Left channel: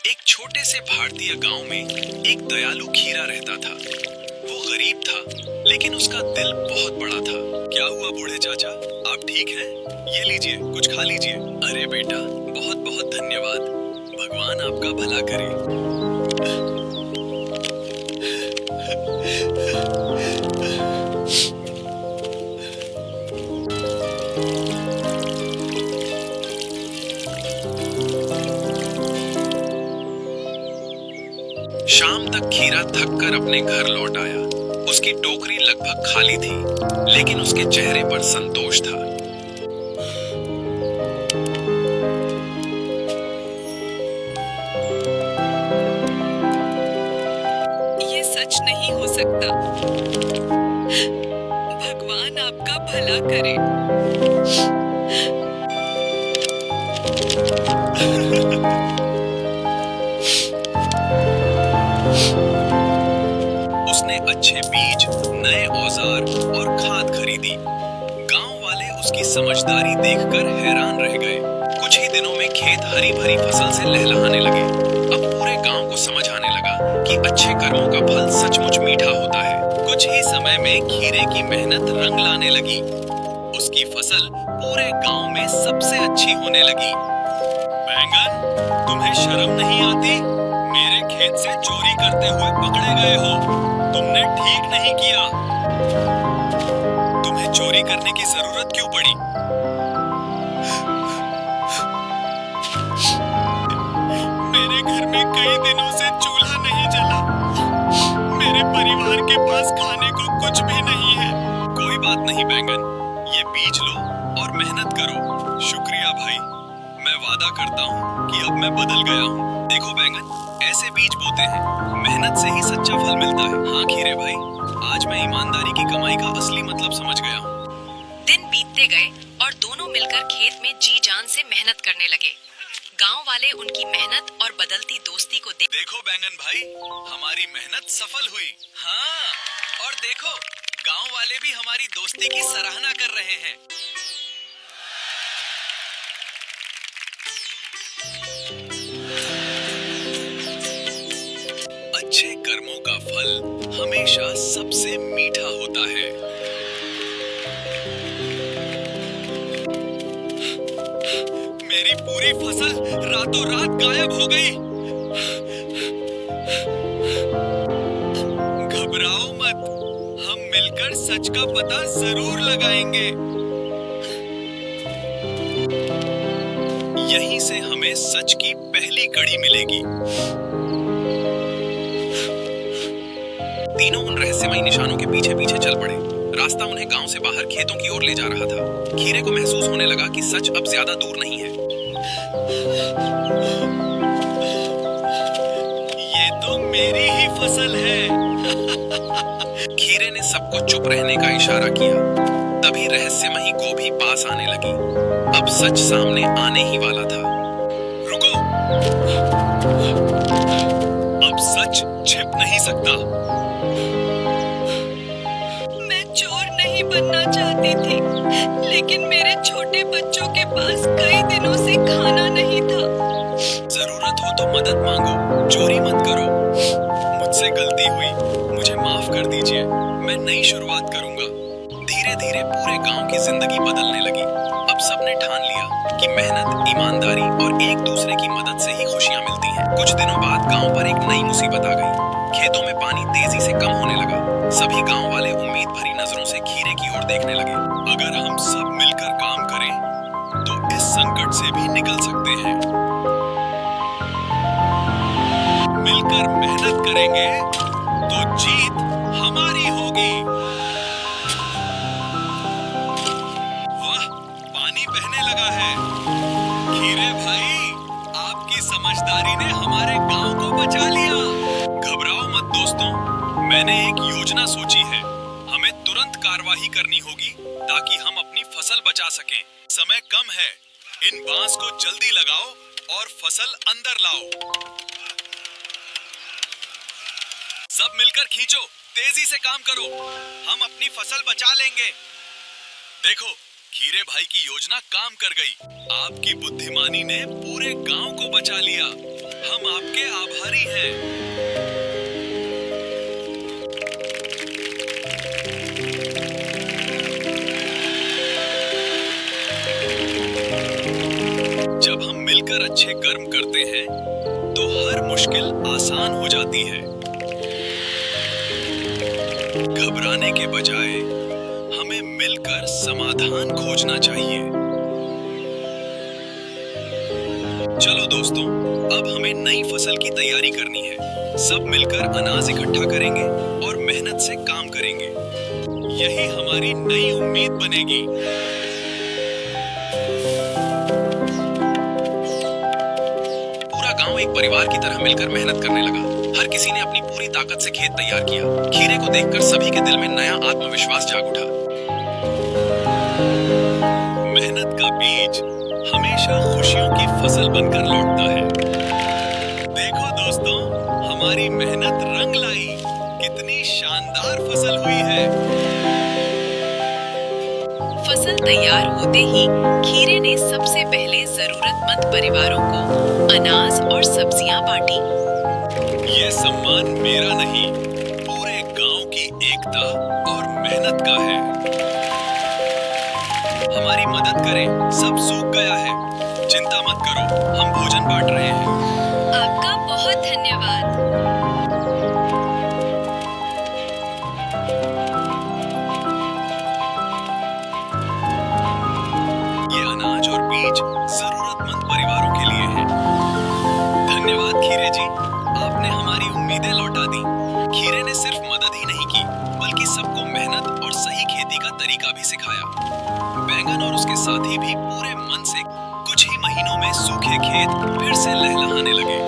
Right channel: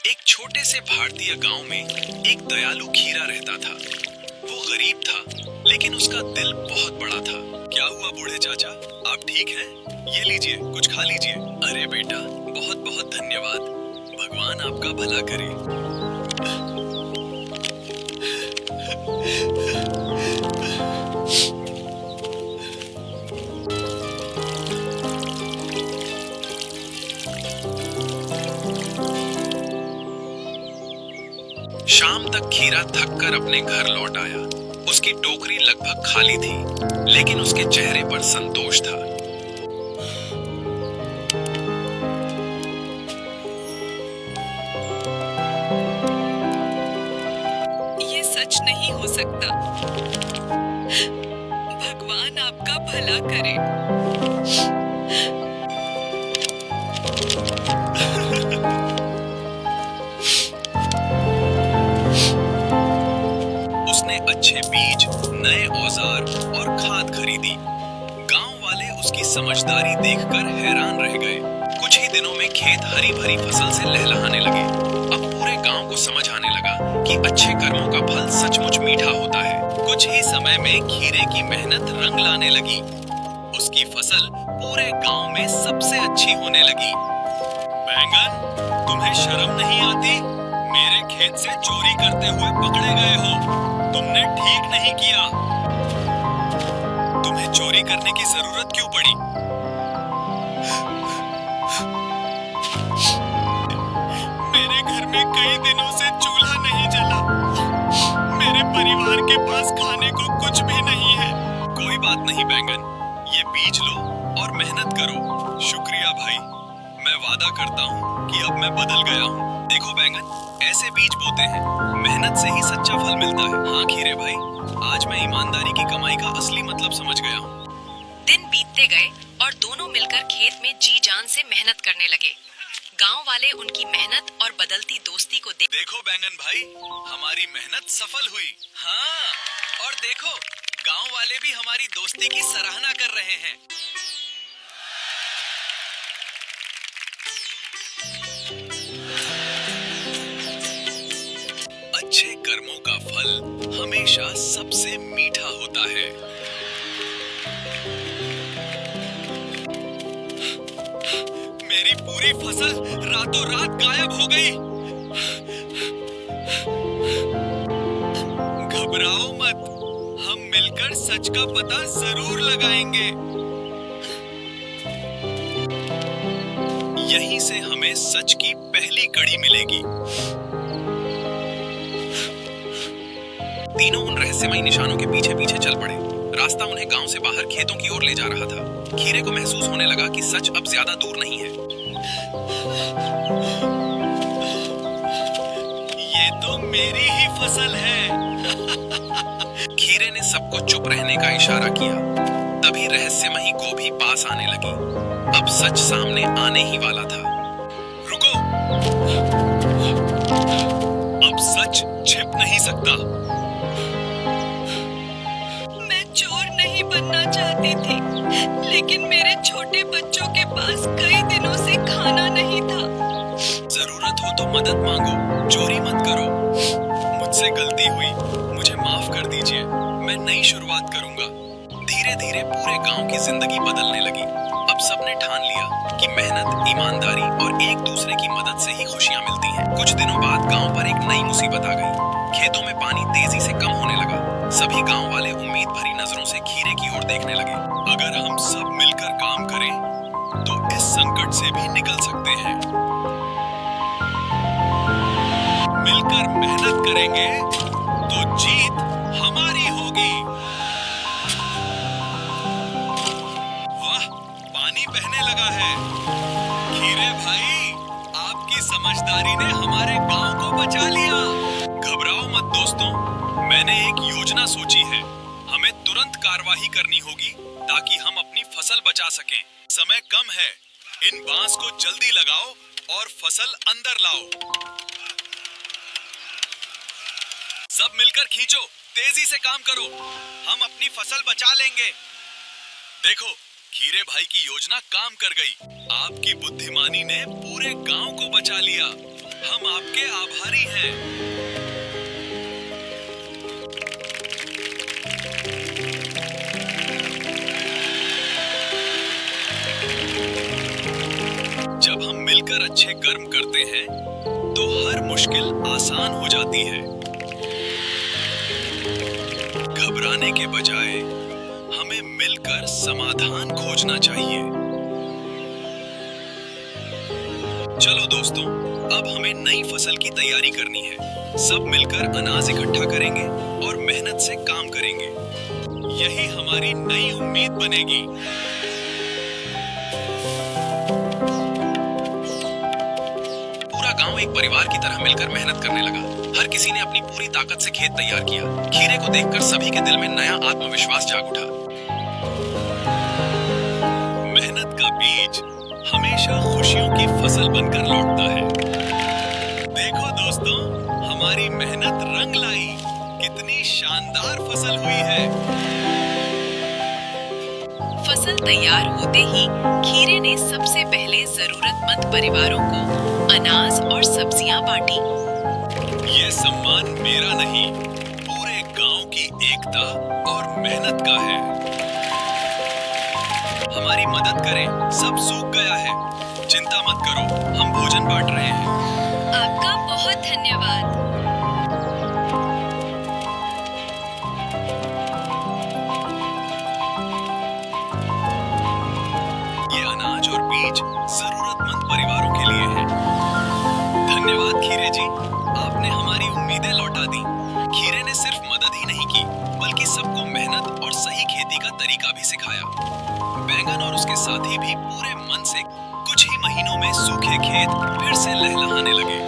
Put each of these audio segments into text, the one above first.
एक छोटे से भारतीय गांव में एक दयालु खीरा रहता था। वो गरीब था, लेकिन उसका दिल बहुत बड़ा था। क्या हुआ बूढ़े चाचा, आप ठीक हैं? ये लीजिए, कुछ खा लीजिए। अरे बेटा, बहुत बहुत धन्यवाद। भगवान आपका भला करे। शाम तक खीरा थक कर अपने घर लौट आया। उसकी टोकरी लगभग खाली थी, लेकिन उसके चेहरे पर संतोष था। ये सच नहीं हो सकता। भगवान आपका भला करे। उसने अच्छे बीज, नए औजार और खाद खरीदी। गांव वाले उसकी समझदारी देखकर हैरान रह गए। कुछ ही दिनों में खेत हरी भरी फसल से लहलहाने लगे। अब पूरे गांव को समझ आने लगा कि अच्छे कर्मों का फल सचमुच मीठा होता है। कुछ ही समय में खीरे की मेहनत रंग लाने लगी। उसकी फसल पूरे गांव में सबसे अच्छी होने लगी। बैंगन, तुम्हें शर्म नहीं आती? मेरे खेत से चोरी करते हुए पकड़े गए हो। तुमने ठीक नहीं किया। तुम्हें चोरी करने की जरूरत क्यों पड़ी? मेरे घर में कई दिनों से चूल्हा नहीं जला। मेरे परिवार के पास खाने को कुछ भी नहीं है। कोई बात नहीं बैंगन, ये बीज लो और मेहनत करो। शुक्रिया भाई, मैं वादा करता हूँ कि अब मैं बदल गया हूँ। देखो बैंगन, ऐसे बीज बोते हैं, मेहनत से ही सच्चा फल मिलता है। हाँ खीरे भाई, आज मैं ईमानदारी की कमाई का असली मतलब समझ गया हूँ। दिन बीतते गए और दोनों मिलकर खेत में जी जान से मेहनत करने लगे। गांव वाले उनकी मेहनत और बदलती दोस्ती को देखो बैंगन भाई, हमारी मेहनत सफल हुई। हाँ, और देखो, गांव वाले भी हमारी दोस्ती की सराहना कर रहे हैं। अच्छे कर्मों का फल हमेशा सबसे मीठा होता है। मेरी पूरी फसल रातों रात गायब हो गई। घबराओ मत, हम मिलकर सच का पता जरूर लगाएंगे। यहीं से हमें सच की पहली कड़ी मिलेगी। तीनों उन रहस्यमयी निशानों के पीछे पीछे चल पड़े। रास्ता उन्हें गांव से बाहर खेतों की ओर ले जा रहा था। खीरे को महसूस होने लगा कि सच अब ज्यादा दूर नहीं है। ये तो मेरी ही फसल है। खीरे ने सबको चुप रहने का इशारा किया। तभी रहस्यमयी गोभी पास आने लगी। अब सच सामने आने ही वाला था। रुको, अब सच छिप नहीं सकता। नहीं बनना चाहती थी, लेकिन मेरे छोटे बच्चों के पास कई दिनों से खाना नहीं था। जरूरत हो तो मदद मांगो, चोरी मत करो। मुझसे गलती हुई, मुझे माफ कर दीजिए। मैं नई शुरुआत करूंगा। धीरे धीरे पूरे गांव की जिंदगी बदलने लगी। अब सबने ठान लिया कि मेहनत, ईमानदारी और एक दूसरे की मदद से ही खुशियां मिलती हैं। कुछ दिनों बाद गांव पर एक नई मुसीबत आ गई। खेतों में पानी तेजी से कम होने लगा। सभी गांव वाले उम्मीद भरी नजरों से खीरे की ओर देखने लगे। अगर हम सब मिलकर काम करें तो इस संकट से भी निकल सकते हैं। मिलकर मेहनत करेंगे तो जीत हमारी होगी। वाह, पानी बहने लगा है। खीरे भाई, आपकी समझदारी ने हमारे गांव को बचा लिया। घबराओ मत दोस्तों, मैंने एक योजना सोची है। हमें तुरंत कार्रवाई करनी होगी ताकि हम अपनी फसल बचा सकें। समय कम है, इन बांस को जल्दी लगाओ और फसल अंदर लाओ। सब मिलकर खींचो, तेजी से काम करो। हम अपनी फसल बचा लेंगे। देखो, खीरे भाई की योजना काम कर गई। आपकी बुद्धिमानी ने पूरे गांव को बचा लिया। हम आपके आभारी हैं। जब हम मिलकर अच्छे कर्म करते हैं तो हर मुश्किल आसान हो जाती है। घबराने के बजाय हमें मिलकर समाधान खोजना चाहिए। चलो दोस्तों, अब हमें नई फसल की तैयारी करनी है। सब मिलकर अनाज इकट्ठा करेंगे और मेहनत से काम करेंगे। यही हमारी नई उम्मीद बनेगी। पूरा गांव एक परिवार की तरह मिलकर मेहनत करने लगा। हर किसी ने अपनी पूरी ताकत से खेत तैयार किया। खीरे को देखकर सभी के दिल में नया आत्मविश्वास जाग उठा। मेहनत का बीज हमेशा खुशियों की फसल बनकर लौटता है। देखो दोस्तों, हमारी मेहनत रंग लाई। कितनी शानदार फसल हुई है। फसल तैयार होते ही खीरे ने सबसे पहले जरूरतमंद परिवारों को अनाज और सब्जियां बांटी। ये सम्मान मेरा नहीं, पूरे गांव की एकता और मेहनत का है। हमारी मदद करें, सब सूख गया है। चिंता मत करो, हम भोजन बांट रहे हैं। आपका बहुत धन्यवाद। ये अनाज और बीज जरूरतमंद परिवारों के लिए है। धन्यवाद खीरे जी, आपने हमारी उम्मीदें लौटा दी। खीरे ने सिर्फ मदद ही नहीं की, बल्कि सबको मेहनत और सही खेती का तरीका भी सिखाया। बैंगन और उसके साथी भी पूरे मन से कुछ ही महीनों में सूखे खेत फिर से लहलहाने लगे।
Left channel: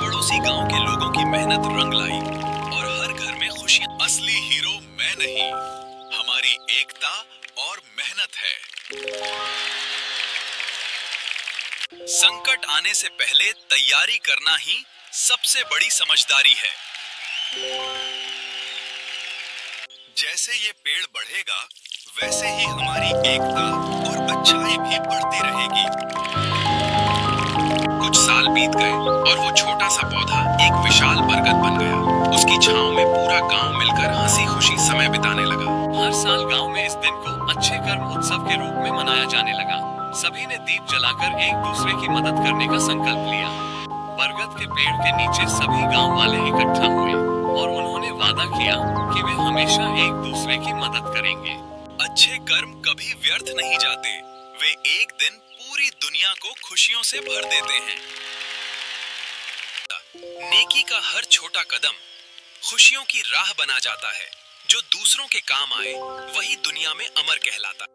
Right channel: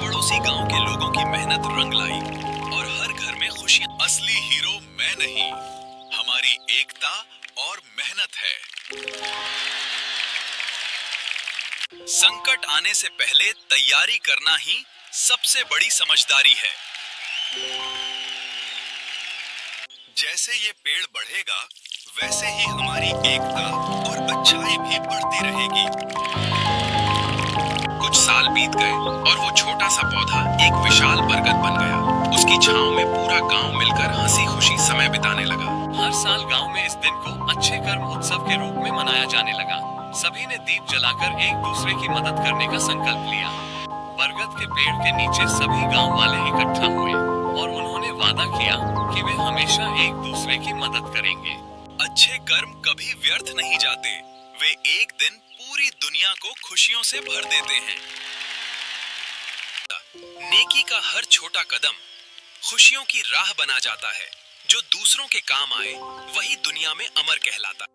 पड़ोसी गांव के लोगों की मेहनत रंग लाई और हर घर में खुशियां। असली हीरो मैं नहीं, हमारी एकता और मेहनत है। संकट आने से पहले तैयारी करना ही सबसे बड़ी समझदारी है। जैसे ये पेड़ बढ़ेगा, वैसे ही हमारी एकता और अच्छाई भी बढ़ती रहेगी। कुछ साल बीत गए और वो छोटा सा पौधा एक विशाल बरगद बन गया। उसकी छांव में पूरा गांव मिलकर हंसी खुशी समय बिताने लगा। हर साल गांव में इस दिन को अच्छे कर्म उत्सव के रूप में मनाया जाने लगा। सभी ने दीप जलाकर एक दूसरे की मदद करने का संकल्प लिया। बरगद के पेड़ के नीचे सभी गांव वाले इकट्ठा हुए और उन्होंने वादा किया कि वे हमेशा एक दूसरे की मदद करेंगे। अच्छे कर्म कभी व्यर्थ नहीं जाते। वे एक दिन पूरी दुनिया को खुशियों से भर देते हैं। नेकी का हर छोटा कदम खुशियों की राह बना जाता है। जो दूसरों के काम आए, वही दुनिया में अमर कहलाता।